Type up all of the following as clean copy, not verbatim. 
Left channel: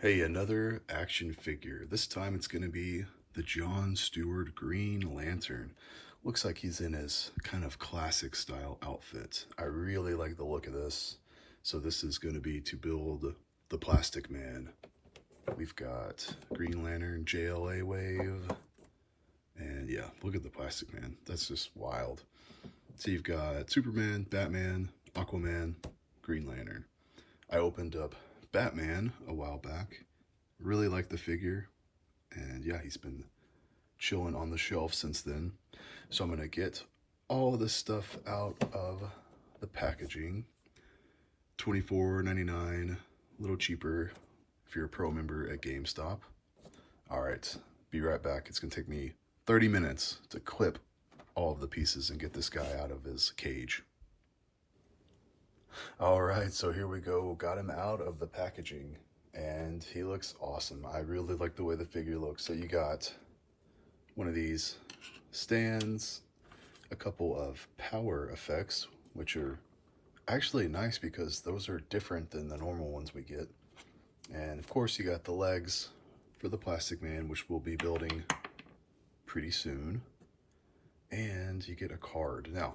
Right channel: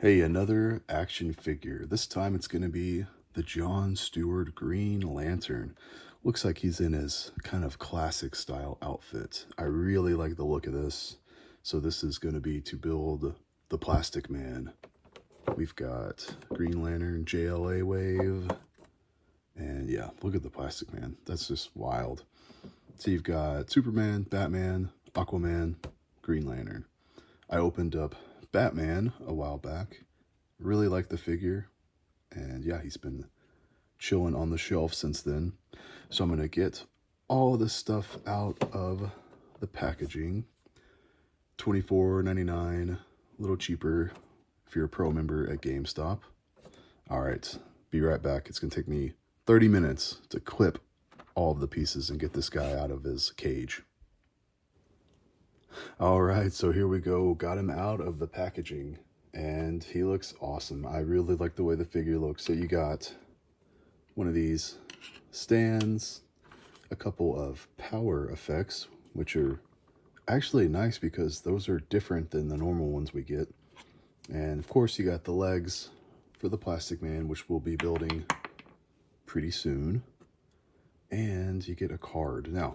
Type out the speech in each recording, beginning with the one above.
Hey, another action figure. This time it's going to be the John Stewart Green Lantern. Looks like he's in his kind of classic style outfit. I really like the look of this. So this is going to be to build the Plastic Man. We've got Green Lantern, JLA wave. And yeah, look at the Plastic Man. That's just wild. So you've got Superman, Batman, Aquaman, Green Lantern. I opened up Batman a while back. Really like the figure, and yeah, he's been chilling on the shelf since then. So I'm gonna get all this stuff out of the packaging. $24.99, a little cheaper if you're a pro member at GameStop. All right, be right back. It's gonna take me 30 minutes to clip all of the pieces and get this guy out of his cage. All right, so here we go. Got him out of the packaging, and he looks awesome. I really like the way the figure looks. So you got one of these stands, a couple of power effects, which are actually nice because those are different than the normal ones we get. And of course, you got the legs for the Plastic Man, which we'll be building pretty soon. And you get a card. Now,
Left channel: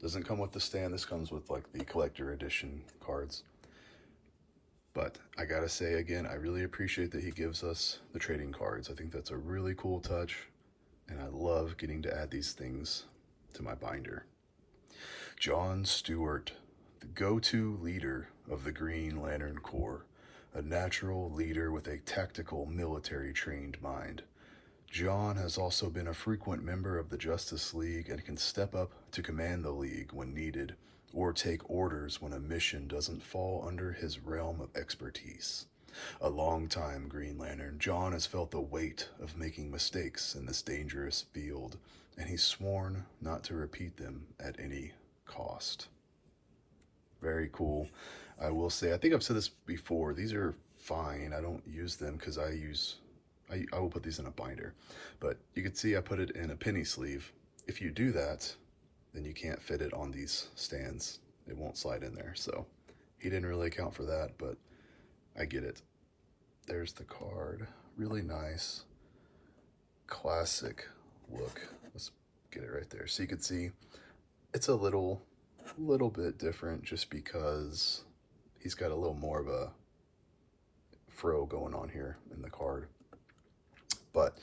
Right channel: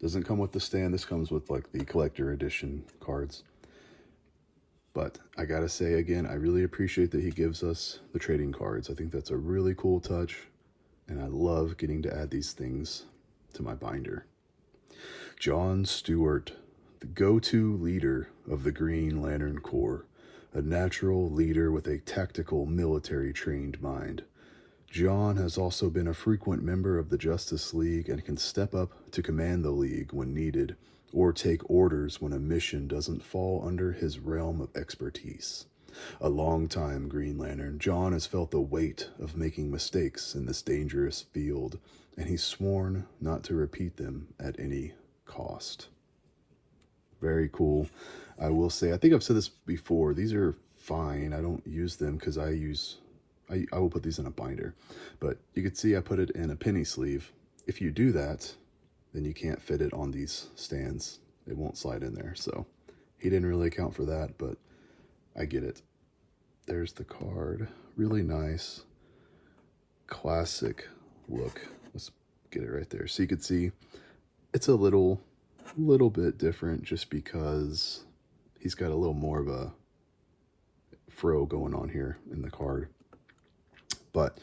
doesn't come with the stand. This comes with like the collector edition cards. But I gotta say again, I really appreciate that he gives us the trading cards. I think that's a really cool touch, and I love getting to add these things to my binder. John Stewart, the go-to leader of the Green Lantern Corps, a natural leader with a tactical military trained mind. John has also been a frequent member of the Justice League and can step up to command the League when needed, or take orders when a mission doesn't fall under his realm of expertise. A long-time Green Lantern, John has felt the weight of making mistakes in this dangerous field, and he's sworn not to repeat them at any cost. Very cool. I will say, I think I've said this before, these are fine. I don't use them because I will put these in a binder, but you can see I put it in a penny sleeve. If you do that, then you can't fit it on these stands. It won't slide in there. So he didn't really account for that, but I get it. There's the card. Really nice, classic look. Let's get it right there. So you can see it's a little bit different just because he's got a little more of a fro going on here in the card. But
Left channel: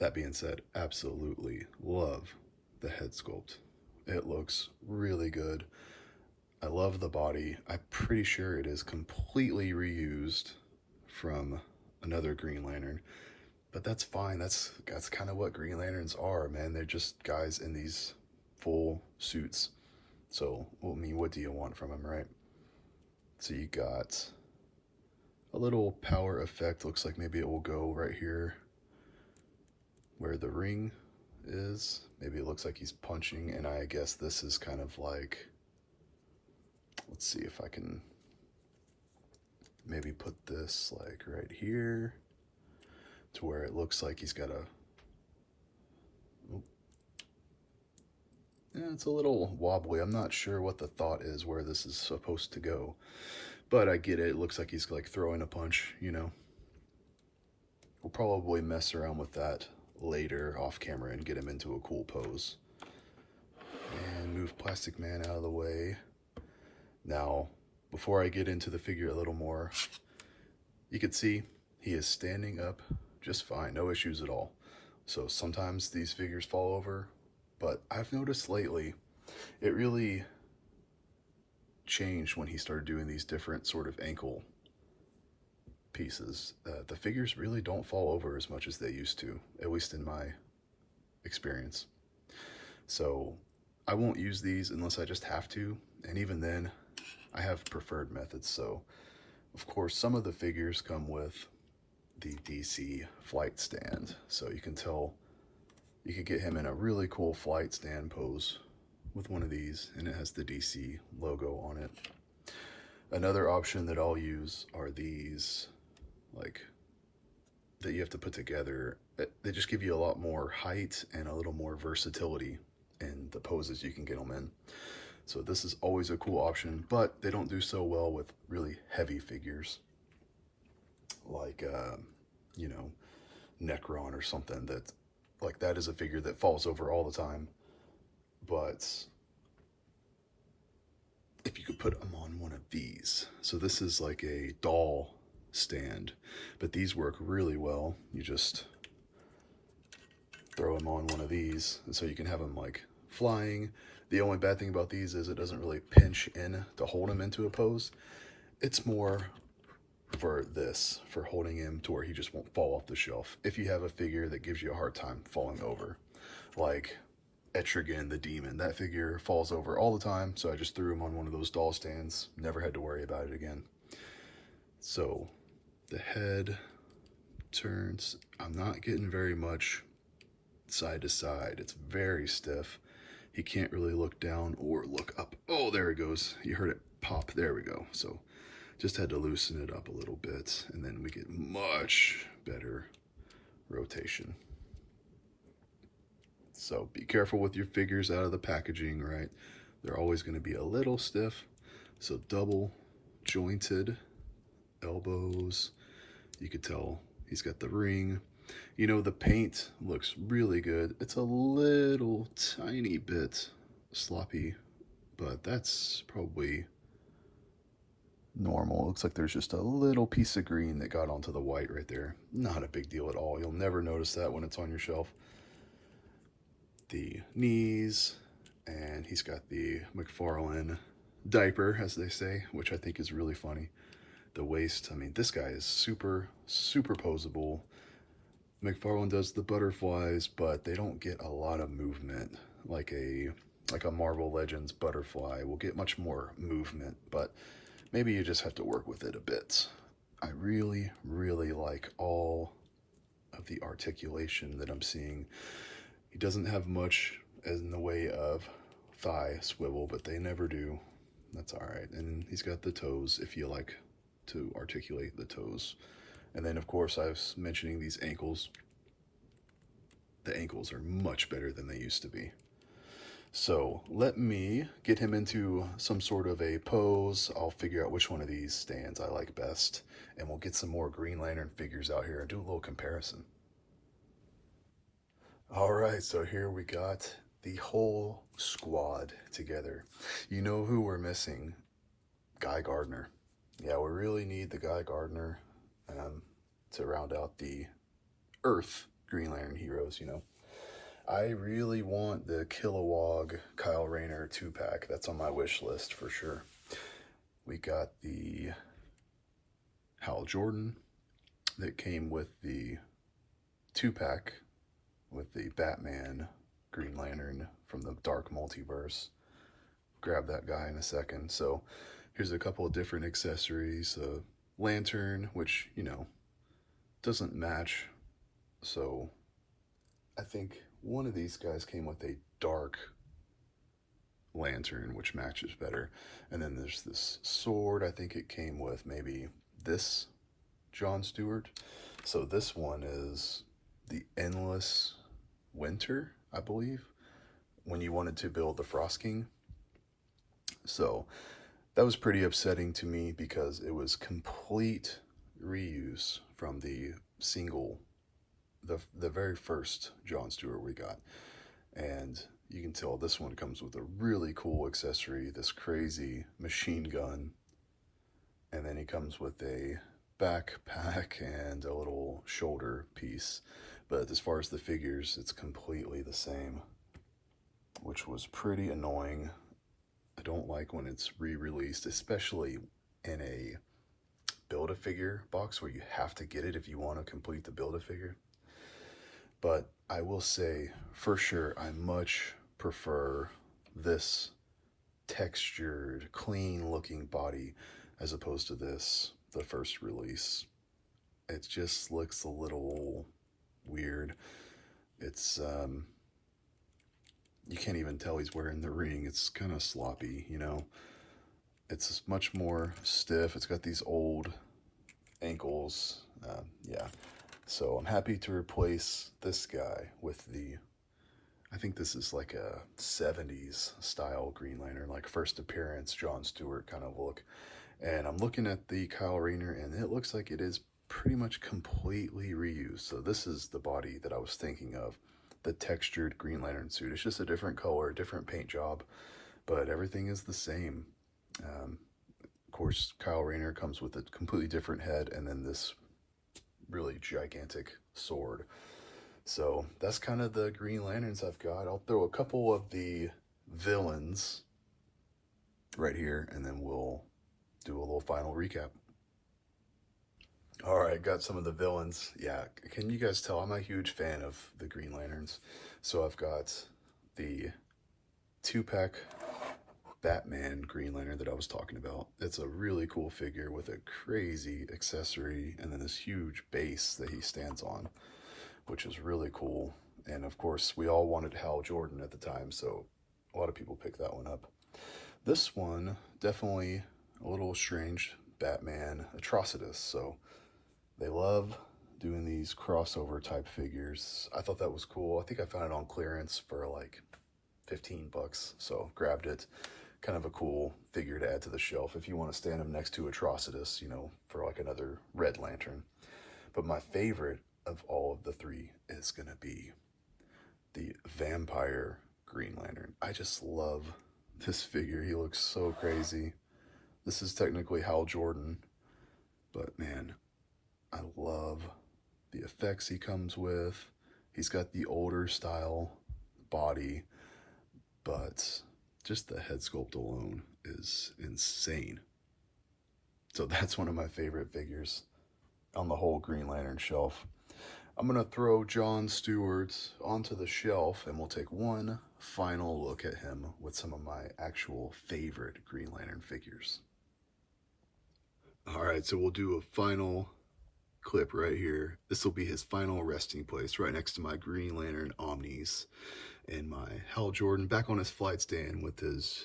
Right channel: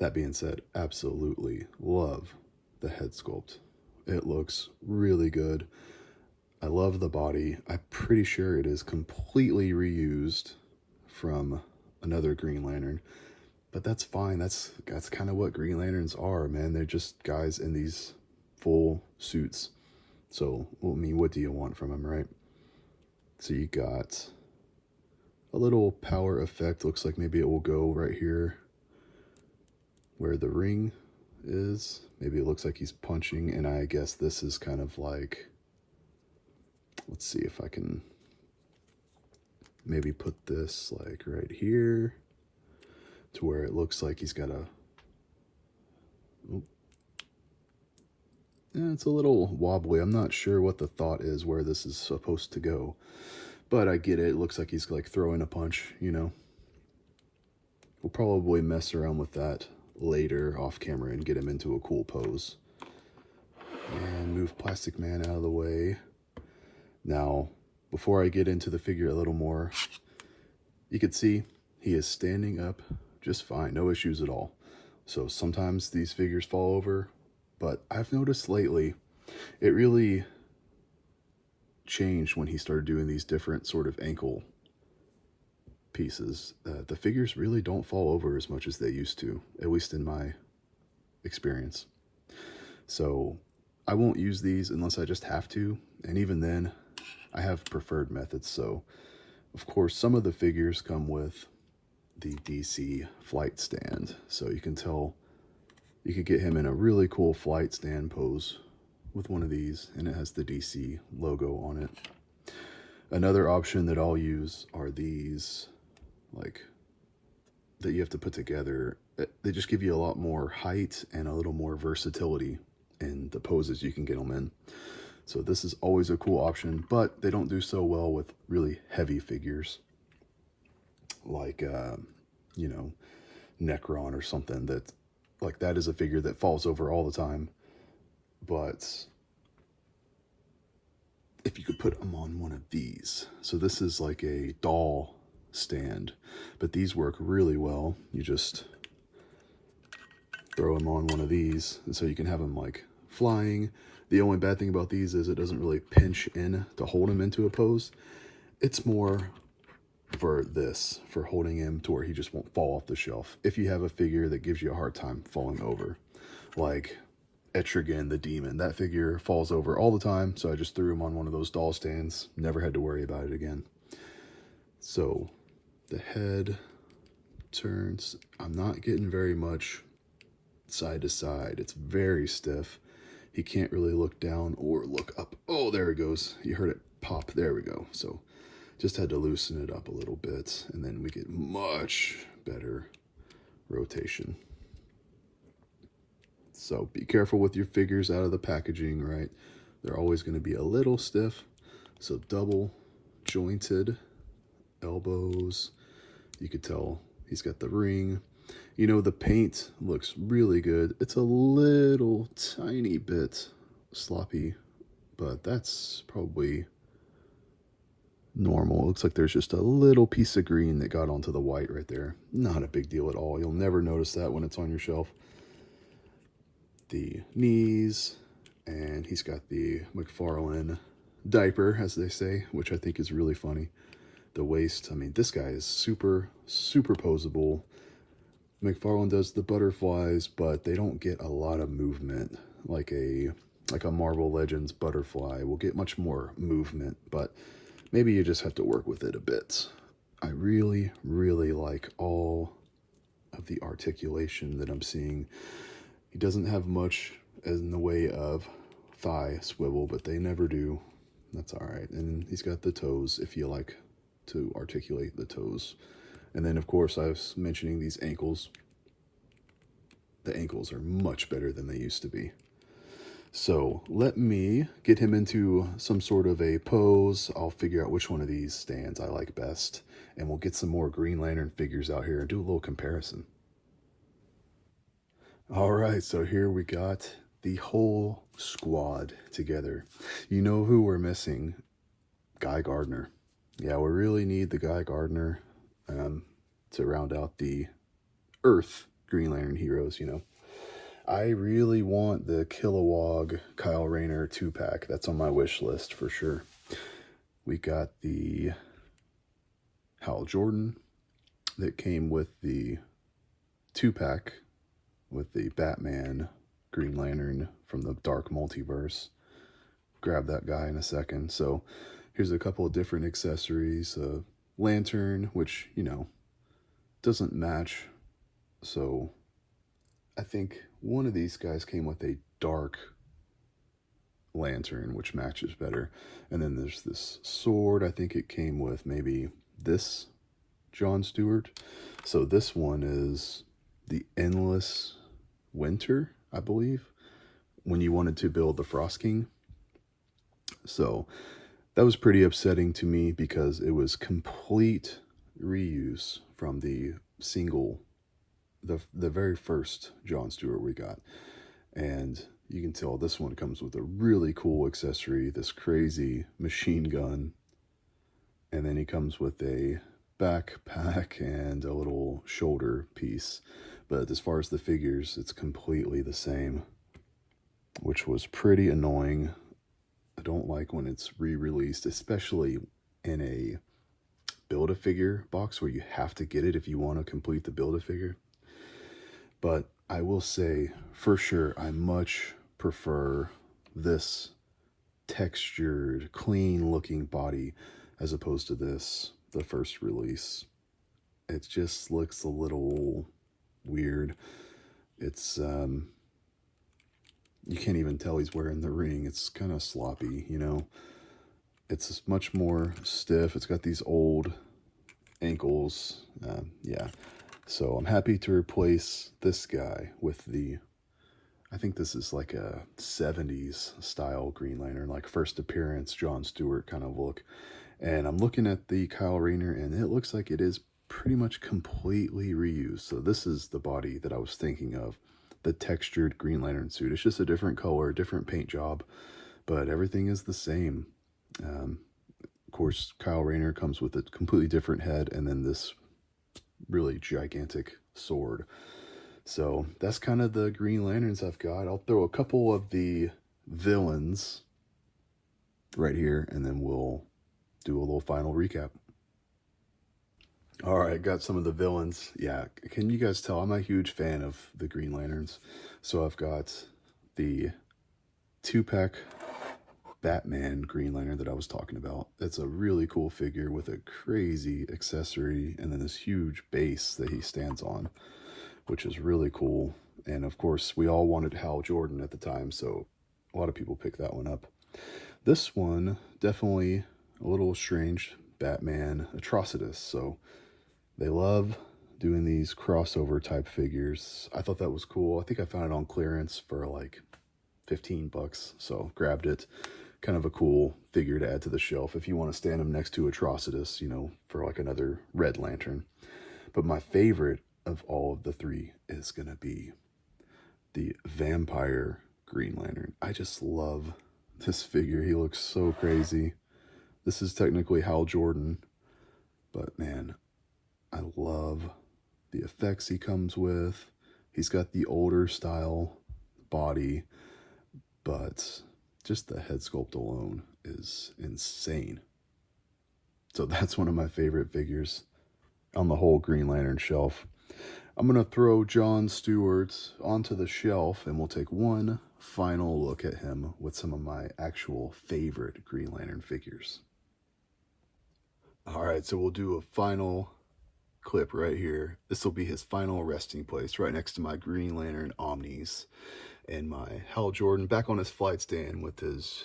that being said, absolutely love the head sculpt. It looks really good. I love the body. I'm pretty sure it is completely reused from another Green Lantern, but that's fine. That's kind of what Green Lanterns are, man. They're just guys in these full suits. So, I mean, what do you want from them, right? So you got a little power effect. Looks like maybe it will go right here where the ring is. Maybe it looks like he's punching, and I guess this is kind of like, let's see if I can maybe put this like right here to where it looks like he's got a, yeah, it's a little wobbly. I'm not sure what the thought is where this is supposed to go, but I get it. It looks like he's like throwing a punch, you know. We'll probably mess around with that later off camera and get him into a cool pose. And move Plastic Man out of the way. Now, before I get into the figure a little more, you can see he is standing up just fine, no issues at all. So sometimes these figures fall over, but I've noticed lately it really changed when he started doing these different sort of ankle pieces. The figures really don't fall over as much as they used to, at least in my experience. So I won't use these unless I just have to, and even then I have preferred methods. So of course some of the figures come with the DC flight stand, so you can tell you could get him in a really cool flight stand pose with one of these, and it has the DC logo on it. Another option that I'll use are these, like, that you have to put together. They just give you a lot more height and a little more versatility in the poses you can get them in. So this is always a cool option, but they don't do so well with really heavy figures. like, you know, Necron or something that, like, that is a figure that falls over all the time. But if you could put them on one of these. So this is like a doll stand, but these work really well. You just throw them on one of these, and so you can have them like flying. The only bad thing about these is it doesn't really pinch in to hold him into a pose. It's more for this, for holding him to where he just won't fall off the shelf. If you have a figure that gives you a hard time falling over, like Etrigan the Demon, that figure falls over all the time, so I just threw him on one of those doll stands. Never had to worry about it again. So the head turns. I'm not getting very much side to side. It's very stiff. He can't really look down or look up. Oh, there it goes. You heard it pop. There we go. So just had to loosen it up a little bit, and then we get much better rotation. So be careful with your figures out of the packaging, right? They're always going to be a little stiff. So double jointed elbows. You could tell he's got the ring. You know, the paint looks really good. It's a little tiny bit sloppy, but that's probably normal. It looks like there's just a little piece of green that got onto the white right there. Not a big deal at all. You'll never notice that when it's on your shelf. The knees, and he's got the Mcfarlane diaper, as they say, which I think is really funny. The waist, I mean, this guy is super, super posable. Mcfarlane does the butterflies, but they don't get a lot of movement like a Marvel Legends butterfly will get much more movement, but maybe you just have to work with it a bit. I really, really like all of the articulation that I'm seeing. He doesn't have much in the way of thigh swivel, but they never do. That's all right. And he's got the toes, if you like to articulate the toes. And then, of course, I was mentioning these ankles. The ankles are much better than they used to be. So let me get him into some sort of a pose. I'll figure out which one of these stands I like best, and we'll get some more Green Lantern figures out here and do a little comparison. All right, so here we got the whole squad together. You know who we're missing? Guy Gardner. Yeah, we really need the Guy Gardner to round out the Earth Green Lantern heroes, you know. I really want the Kilowog Kyle Rayner 2-pack. That's on my wish list for sure. We got the Hal Jordan that came with the 2-pack with the Batman Green Lantern from the Dark Multiverse. Grab that guy in a second. So here's a couple of different accessories. Lantern, which, you know, doesn't match. So I think one of these guys came with a dark lantern, which matches better. And then there's this sword. I think it came with maybe this John Stewart. So this one is the Endless Winter, I believe, when you wanted to build the Frost King. So that was pretty upsetting to me because it was complete reuse from the single, the very first John Stewart we got. And you can tell this one comes with a really cool accessory, this crazy machine gun. And then he comes with a backpack and a little shoulder piece. But as far as the figures, it's completely the same, which was pretty annoying. I don't like when it's re-released, especially in a Build-A-Figure box where you have to get it if you want to complete the Build-A-Figure. But I will say, for sure, I much prefer this textured, clean-looking body as opposed to this, the first release. It just looks a little weird. It's, you can't even tell he's wearing the ring. It's kind of sloppy, you know. It's much more stiff. It's got these old ankles. Yeah. So I'm happy to replace this guy with the, I think this is like a 70s style Green Lantern, like first appearance John Stewart kind of look. And I'm looking at the Kyle Rayner, and it looks like it is pretty much completely reused. So this is the body that I was thinking of, the textured Green Lantern suit. It's just a different color, different paint job, but everything is the same. Of course, Kyle Rayner comes with a completely different head and then this really gigantic sword. So that's kind of the Green Lanterns I've got. I'll throw a couple of the villains right here and then we'll do a little final recap. All right, got some of the villains. Yeah, can you guys tell I'm a huge fan of the Green Lanterns? So I've got the 2-pack Batman Green Lantern that I was talking about. That's a really cool figure with a crazy accessory and then this huge base that he stands on, which is really cool. And of course, we all wanted Hal Jordan at the time, so a lot of people picked that one up. This one, definitely a little strange, Batman Atrocitus. So they love doing these crossover type figures. I thought that was cool. I think I found it on clearance for like 15 bucks, so grabbed it. Kind of a cool figure to add to the shelf if you want to stand him next to Atrocitus, you know, for like another Red Lantern. But my favorite of all of the three is going to be the Vampire Green Lantern. I just love this figure. He looks so crazy. This is technically Hal Jordan, but man, I love the effects he comes with. He's got the older style body, but just the head sculpt alone is insane. So that's one of my favorite figures on the whole Green Lantern shelf. I'm going to throw John Stewart onto the shelf and we'll take one final look at him with some of my actual favorite Green Lantern figures. All right, so we'll do a final clip right here. This will be his final resting place right next to my Green Lantern Omnis and my Hal Jordan back on his flight stand with his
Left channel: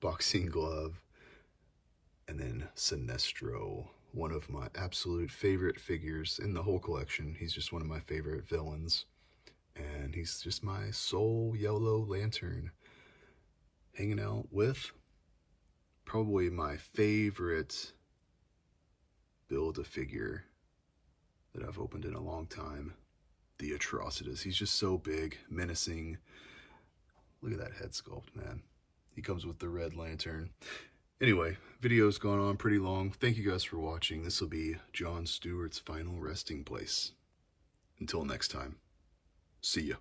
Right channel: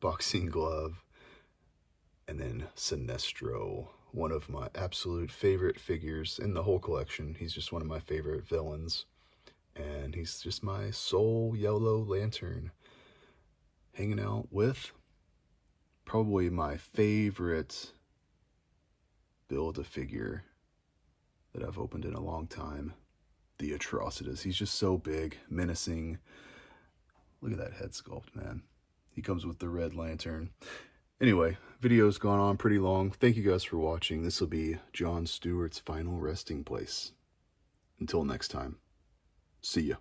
boxing glove. And then Sinestro, one of my absolute favorite figures in the whole collection. He's just one of my favorite villains. And he's just my sole yellow lantern hanging out with probably my favorite Build-A-Figure that I've opened in a long time, the Atrocitus. He's just so big, menacing. Look at that head sculpt, man. He comes with the Red Lantern. Anyway, video's gone on pretty long. Thank you guys for watching. This will be John Stewart's final resting place. Until next time, see ya.